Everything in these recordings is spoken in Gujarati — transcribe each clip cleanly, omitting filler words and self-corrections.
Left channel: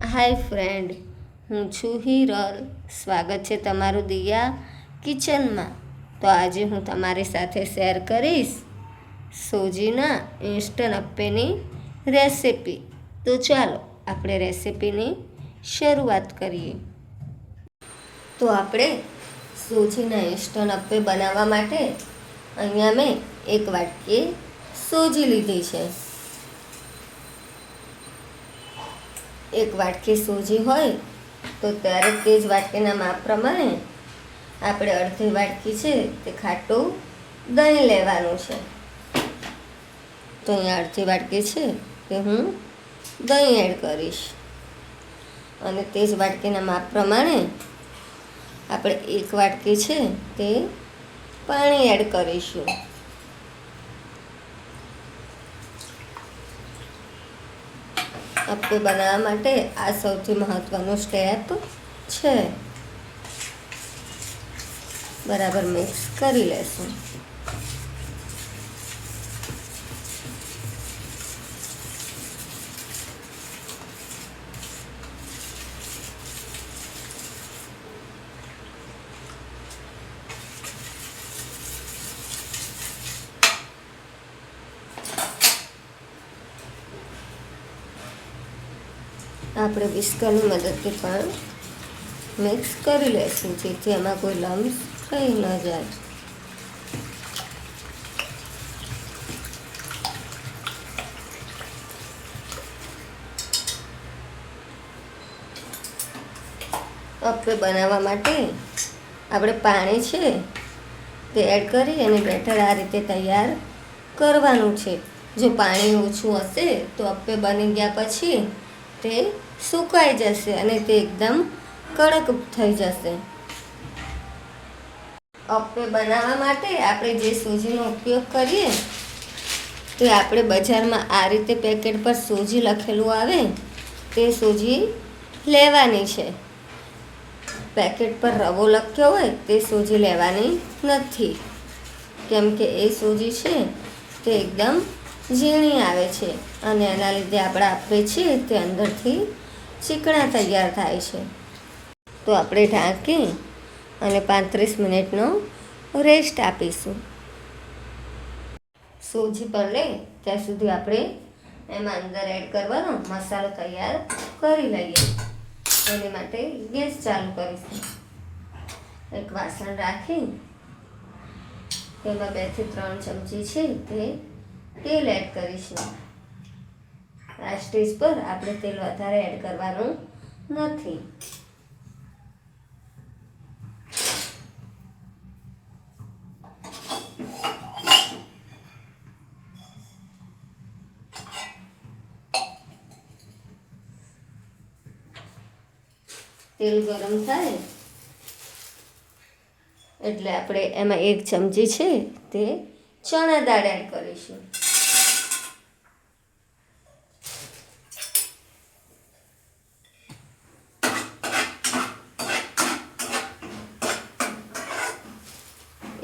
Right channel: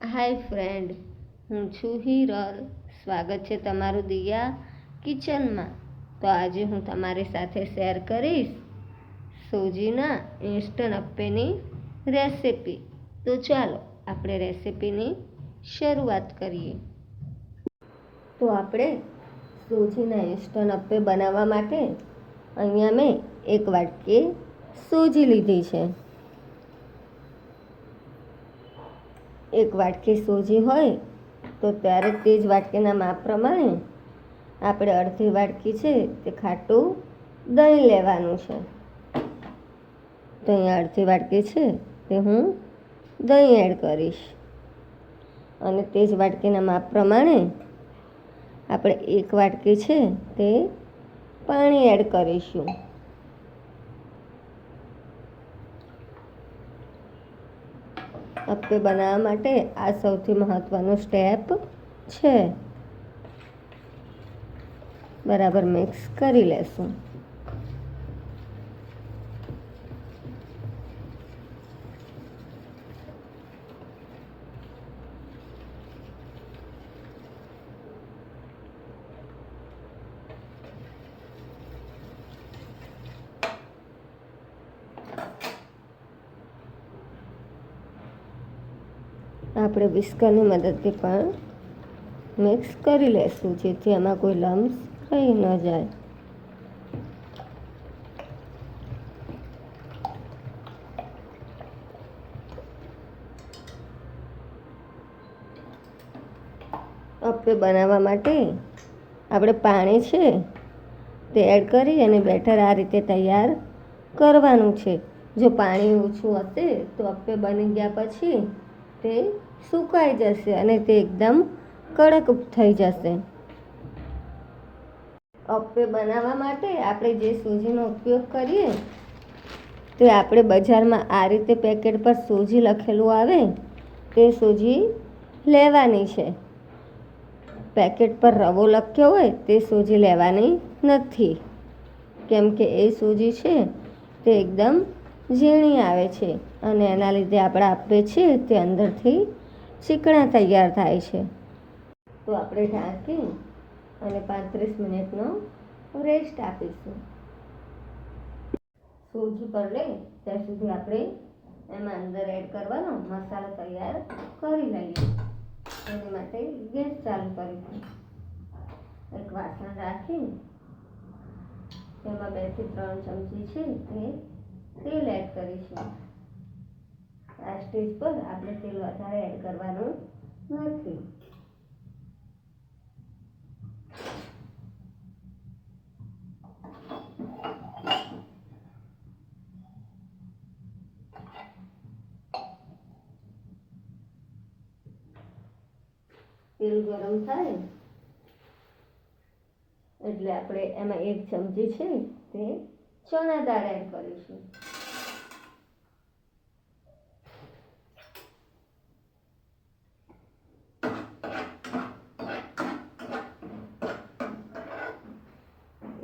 હાય ફ્રેન્ડ, હું છું હિરલ. સ્વાગત છે તમારું દિયા કિચનમાં. તો આજે હું તમારી સાથે શેર કરીશ સોજીના ઇન્સ્ટન્ટ અપ્પેની રેસિપી. તો ચાલો આપણે રેસિપીની શરૂઆત કરીએ. તો આપણે સોજીના ઇન્સ્ટન્ટ અપ્પે બનાવવા માટે અહીંયા મેં એક વાટકી સોજી લીધી છે. એક વાટકી સોજી હોય તો ત્યારે તે જ વાટકીના માપ પ્રમાણે આપણે અડધી વાટકી છે તે ખાટું દહીં લેવાનું છે. તો અહીંયા અડધી વાટકી છે તે હું દહીં એડ કરીશ અને તે જ વાટકીના માપ પ્રમાણે આપણે એક વાટકી છે તે પાણી એડ કરીશું. અપ્પે બનાવવા માટે આ સૌથી મહત્ત્વનું સ્ટેપ છે. બરાબર મિક્સ કરી લેશું. આપણે વિસ્કરની મદદથી પણ મિક્સ કરી લઈશું જેથી એમાં કોઈ લમ્સ રહી ન જાય. અપ્પે બનાવવા માટે આપણે પાણી છે તે એડ કરી અને બેટર આ રીતે તૈયાર કરવાનું છે. જો પાણી ઓછું હશે તો અપ્પે બની ગયા પછી તે સુકાઈ જશે અને તે એકદમ કડક થઈ જશે. અપ્પે બનાવવા માટે આપણે જે સોજીનો ઉપયોગ કરીએ તે આપણે બજારમાં આ રીતે પેકેટ પર સોજી લખેલું આવે તે સોજી લેવાની છે. પેકેટ પર રવો લખ્યો હોય તે સોજી લેવાની નથી, કેમ કે એ સોજી છે તે એકદમ ઝીણી આવે છે અને એના લીધે આપણા અપ્પે છે તે અંદરથી ચીકણા તૈયાર થાય છે. તો આપણે ઢાંકી અને 35 મિનિટનો રેસ્ટ આપીશું. સોજી પર લે ત્યાં સુધી આપણે એમાં અંદર એડ કરવાનો મસાલો તૈયાર કરી લઈએ. એની માટે ગેસ ચાલુ કરીશું. એક વાસણ રાખી તેમાં 2 થી 3 ચમચી છે તે તેલ એડ કરીશું. આ સ્ટેજ પર આપણે તેલ વધારે એડ કરવાનું નથી. તેલ ગરમ થાય એટલે આપણે એમાં 1 ચમચી છે તે ચણા દાળ એડ કરીશું.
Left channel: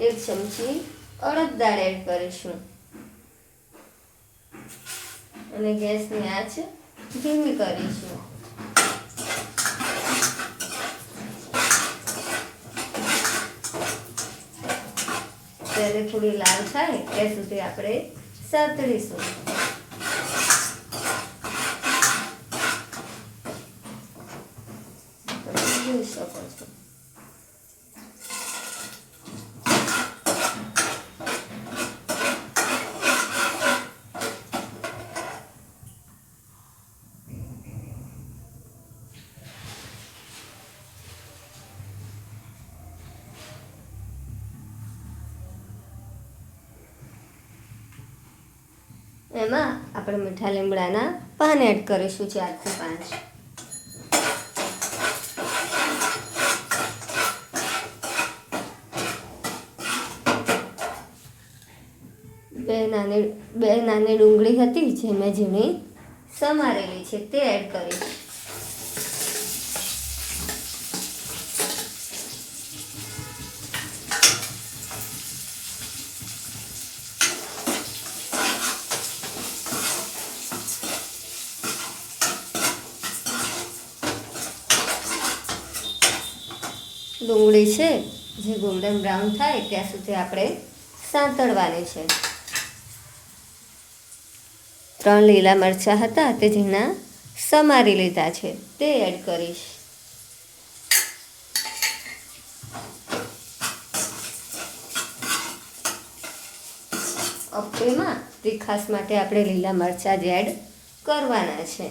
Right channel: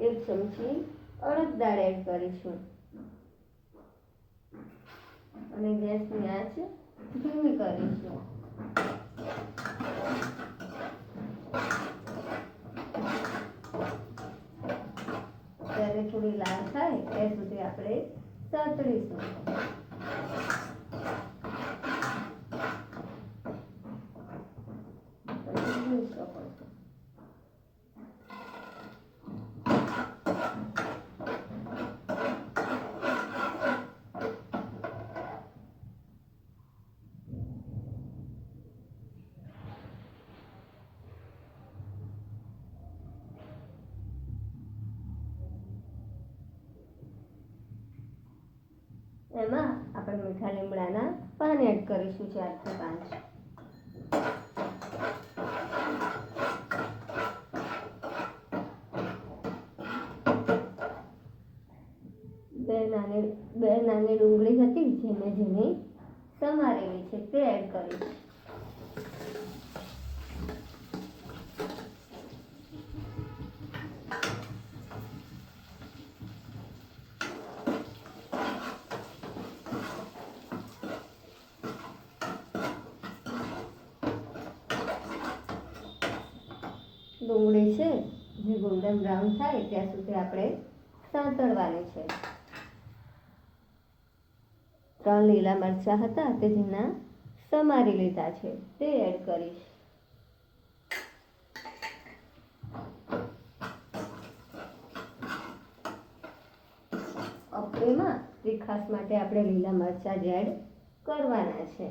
એક ચમચી અડદ દાળ એડ કરીશું અને ગેસની આંચ ધીમી કરીશું. ત્યારે થોડી લાલ થાય ત્યાં સુધી આપણે સાતળીશું. જોઈ શકો છો. એમાં આપણે મીઠા લીમડાના પાન એડ કરીશું 4 થી 5. બે નાની ડુંગળી હતી જે મેં ઝીણી સમારેલી છે તે એડ કરીશ. ડુંગળી છે જે ગોલ્ડન બ્રાઉન થાય ત્યાં સુધી આપણે સાંતળવાની છે. 3 લીલા મરચાં હતા તે ઝીણા સમારી લીધા છે તે એડ કરીશ. અપ્પેમાં તીખાશ માટે આપણે લીલા મરચાં જ એડ કરવાના છે.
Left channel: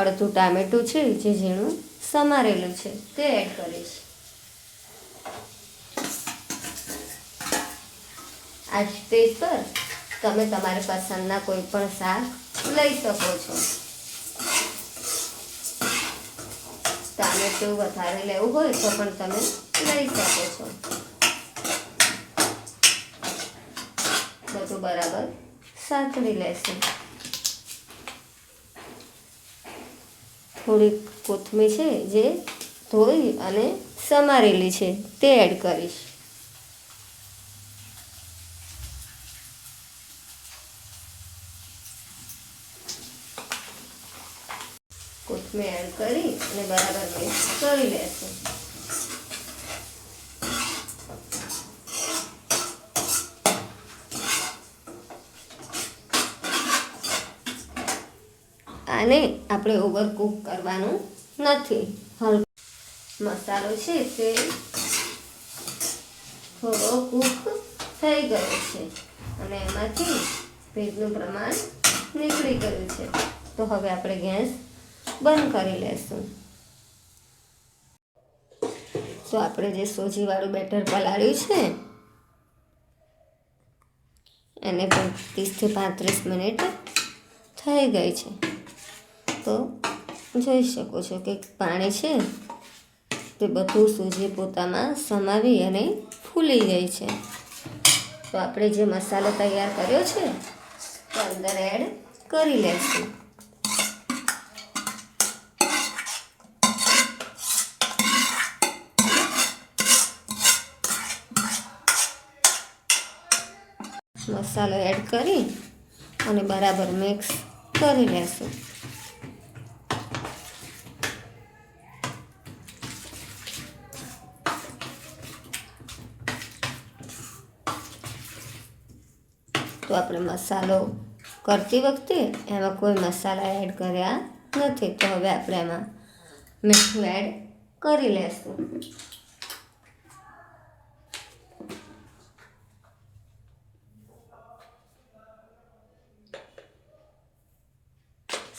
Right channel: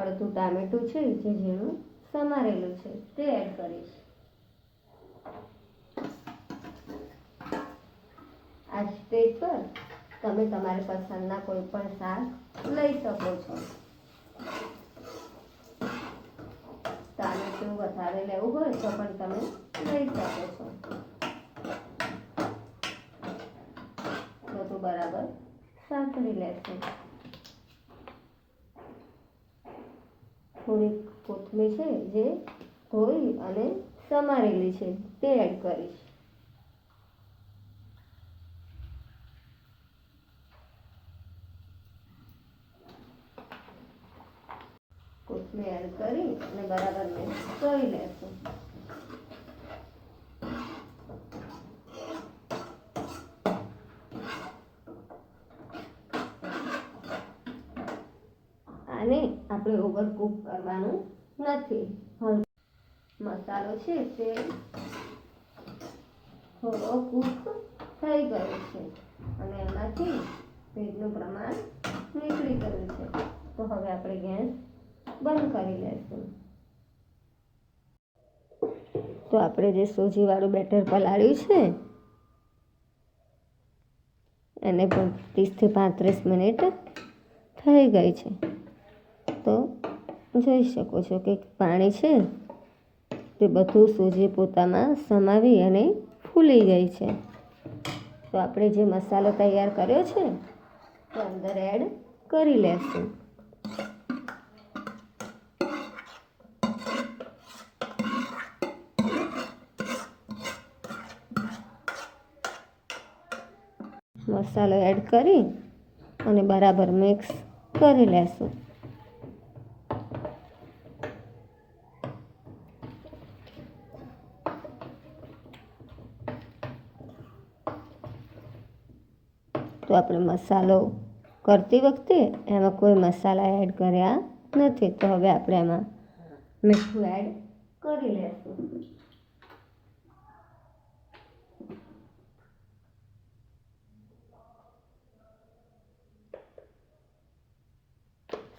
અડધું ટામેટું છે જે ઝીણું સમારેલું છે તે એડ કરીશ. આ સ્ટેજ પર તમે તમારી પસંદના કોઈ પણ શાક લઈ શકો છો. ટામેટું વધારે લેવું હોય તો પણ તમે લઈ શકો છો. બધું બરાબર સાંતળી લેશું. થોડીક કોથમીર છે જે ધોઈ અને સમારેલી છે તે એડ કરીશ. કોથમીર એડ કરી અને બરાબર મિક્સ કરી લેશું. આને આપણે ઓવરકુક કરવાનું નથી. મસાલો છે તે થોડો કૂક થઈ ગયો છે અને એમાંથી ભેજનું પ્રમાણ નીકળી ગયું છે. તો હવે આપણે ગેસ બંધ કરી લેશું. તો આપણે જે સોજીવાળું બેટર પલાળ્યું છે એને 30 થી 35 મિનિટ થઈ ગઈ છે. તો જોઈ શકો છો કે પાણી છે તે બધું સૂજી પોતામાં સમાવી અને ફૂલી ગઈ છે. તો આપણે જે મસાલો તૈયાર કર્યો છે તે અંદર એડ કરી લેશું. મસાલો એડ કરી અને બરાબર મિક્સ કરી લેશું. તો આપણે મસાલો કરતી વખતે એમાં કોઈ મસાલા એડ કર્યા નથી. તો હવે આપણે એમાં મીઠું એડ કરી લેશું.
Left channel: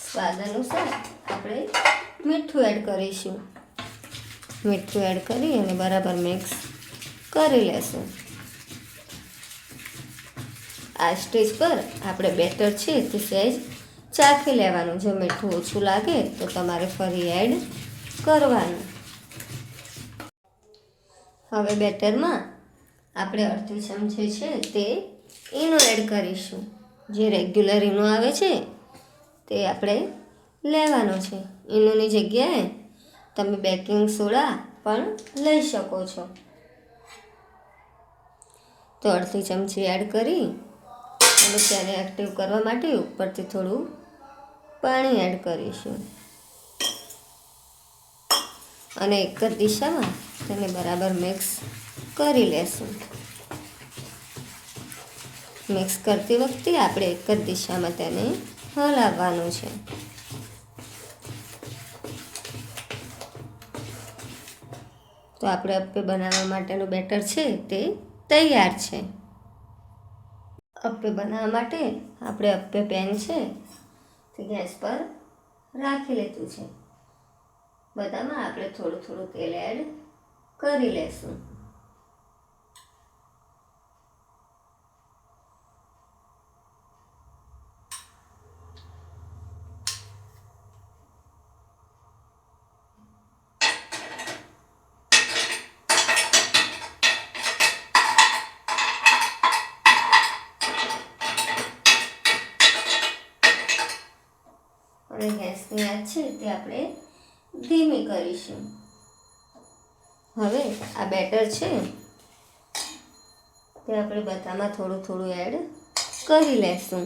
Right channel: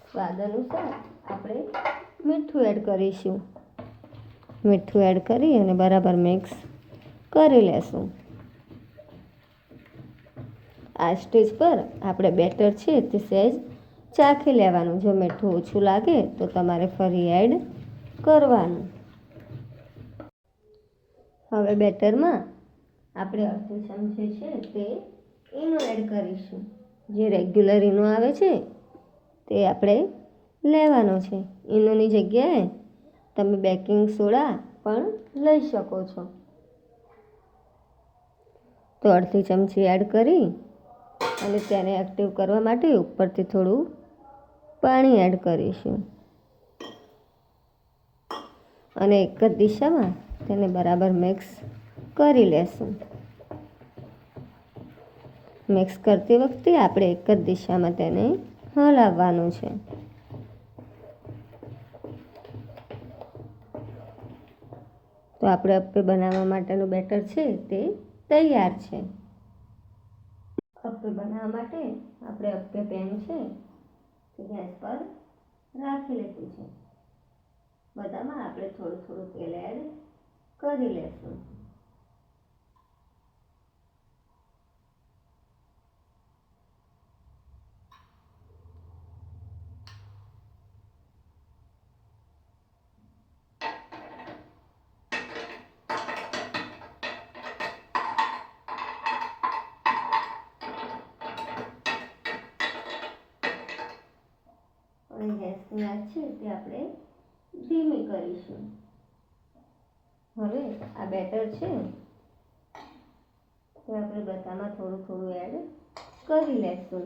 સ્વાદ અનુસાર આપણે મીઠું એડ કરીશું. મીઠું એડ કરી અને બરાબર મિક્સ કરી લેશું. આ સ્ટેજ પર આપણે બેટર છે તે સહેજ ચાખી લેવાનું. જો મીઠું ઓછું લાગે તો તમારે ફરી એડ કરવાનું. હવે બેટરમાં આપણે અડધી ચમચી છે તે ઈનો એડ કરીશું. જે રેગ્યુલર ઈનો આવે છે તે આપણે લેવાનો છે. ઈનોની જગ્યાએ તમે બેકિંગ સોડા પણ લઈ શકો છો. તો અડધી ચમચી એડ કરી અને તેને એક્ટિવ કરવા માટે ઉપરથી થોડું પાણી એડ કરીશું અને એક જ દિશામાં તેને બરાબર મિક્સ કરી લેશું. મિક્સ કરતી વખતે આપણે એક જ દિશામાં તેને હલાવવાનું છે. તો આપણે અપ્પે બનાવવા માટેનું બેટર છે તે તૈયાર છે. અપ્પે બનાવવા માટે આપણે અપ્પે પેન છે તે ગેસ પર રાખી લીધું છે. બધામાં આપણે થોડું થોડું તેલ એડ કરી લેશું. અને ગેસની આંચ છે તે આપણે ધીમી કરીશું. હવે આ બેટર છે તે આપણે બધામાં થોડું થોડું એડ કરી લેશું.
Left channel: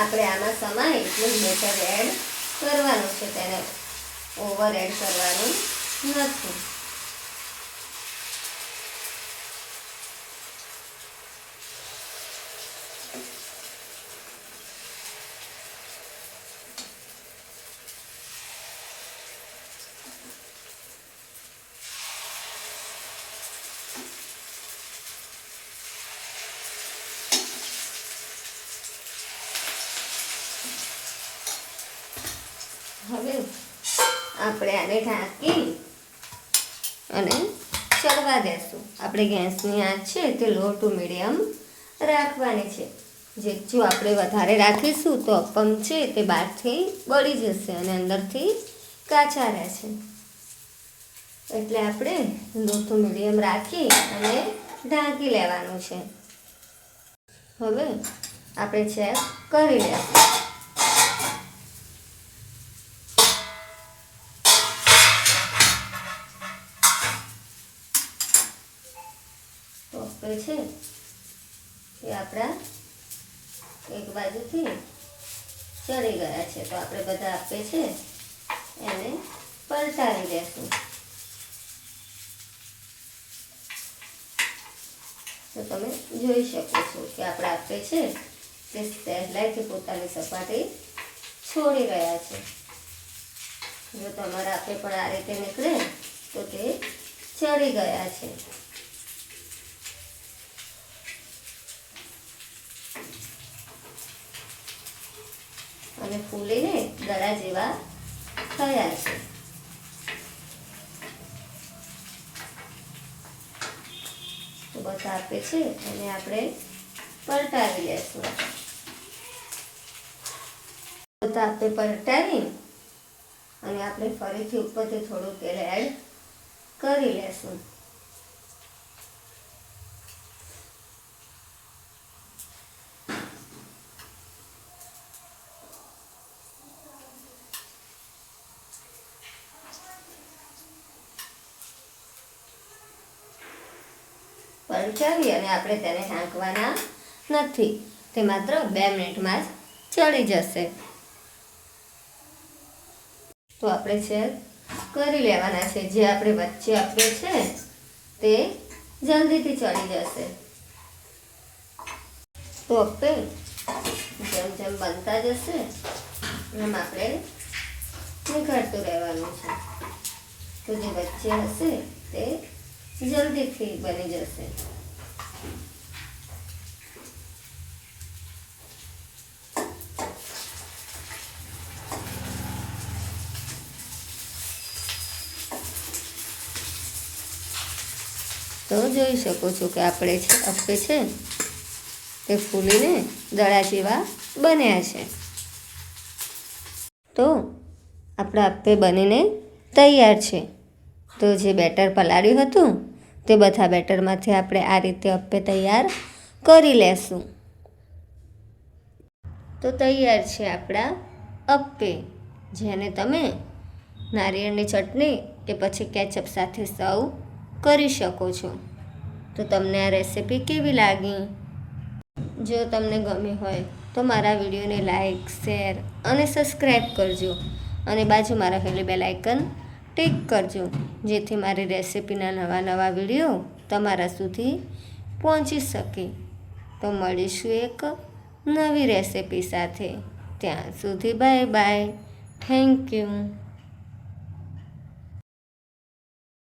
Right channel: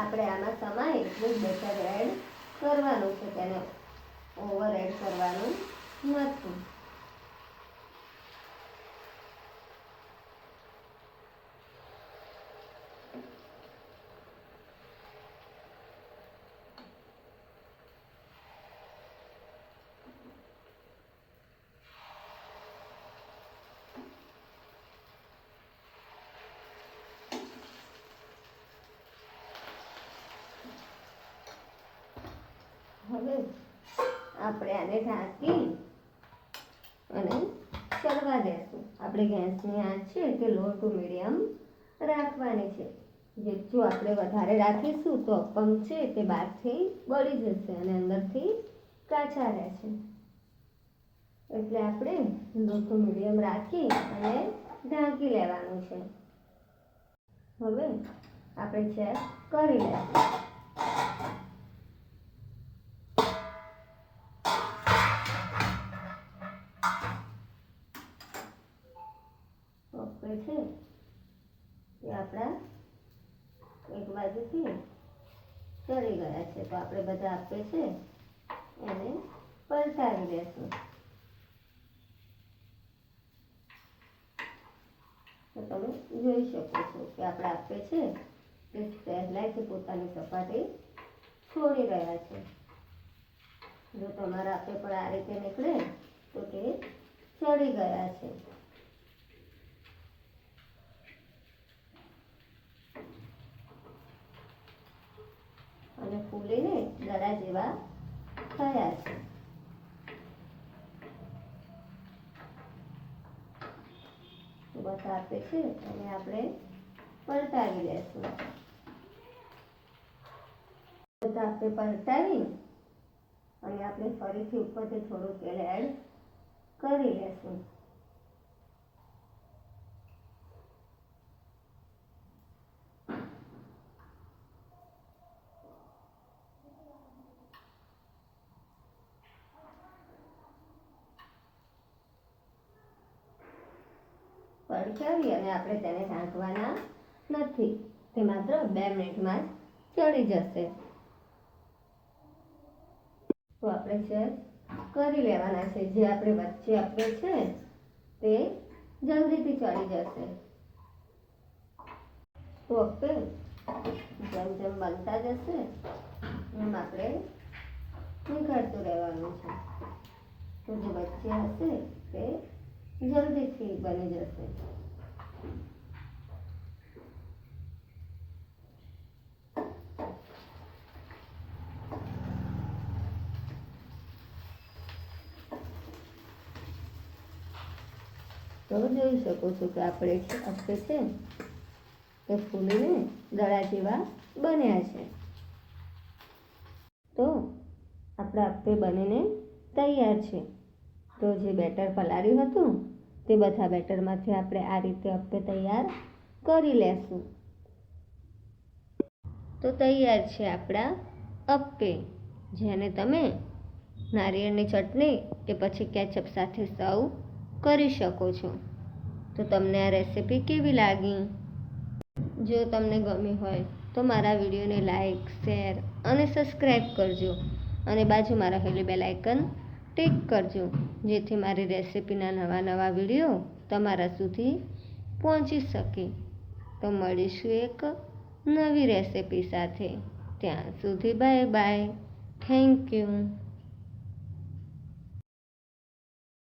આપણે આમાં સમાય એટલું જ બેટર એડ કરવાનું છે, તેને ઓવર એડ કરવાનું નથી. હવે આપણે આને ઢાંકી અને ચડવા દેશું. આપણે ગેસની આંચ છે તે લો ટુ મીડિયમ રાખવાની છે. જો આપણે વધારે રાખીશું તો અપમ છે તે બહારથી બળી જશે અને અંદરથી કાચા રહેશે. એટલે આપણે લો ટુ મીડિયમ રાખી અને ઢાંકી લેવાનું છે. હવે આપણે ચેક કરી લેશું. છે એ આપણા એક બાજુથી ચડી ગયા છે, તો આપણે બધા આપે છે એને પલટાવી દેશું. તો તમે જોઈ શકો છો કે આપણા આપે છે તે સહેલાઈથી પોતાની સપાટી છોડી રહ્યા છે. જો તમારા આપે પણ આ રીતે નીકળે તો તે ચડી ગયા છે. અને ફૂલીને દડા જેવા થયા છે. તો બધા આપે છે અને આપણે પલટાવી લેશું. બધા આપે પલટાવી અને આપણે ફરીથી ઉપરથી થોડું તેલ એડ કરી લેશું. પલટાવી અને આપણે તેને ઢાંકવાના નથી, તે માત્ર 2 મિનિટમાં જ ચડી જશે. તો આપણે ચેક કરી લેવાના છે. જે આપણે વચ્ચે આપે છે તે જલ્દીથી ચડી જશે. તો આપણે જેમ જેમ બનતા જશે એમ આપણે નીકળતું રહેવાનું છે. તો જે વચ્ચે હશે તે જલ્દીથી બની જશે. તો જોઈ શકો છો કે આપણે આપે છે તે ફૂલીને દડા જેવા બન્યા છે. તો આપણા આપે બનીને તૈયાર છે. તો જે બેટર પલાળ્યું હતું તે બધા બેટરમાંથી આપણે આ રીતે અપ્પે તૈયાર કરી લેશું. તો તૈયાર છે આપણા અપ્પે, જેને તમે નારિયેળની ચટણી કે પછી કેચઅપ સાથે સર્વ કરી શકો છો. તો તમને આ રેસિપી કેવી લાગી? જો તમને ગમી હોય તો મારા વિડીયોને લાઈક, શેર અને સબસ્ક્રાઈબ કરજો અને બાજુમાં રહેલી બેલ આઇકન ટિક કરજો, જેથી મારી રેસિપીના નવા વિડીયો તમારા સુધી પહોંચી શકે. તો મળીશું એક નવી રેસિપી સાથે. ત્યાં સુધી બાય બાય. Thank you.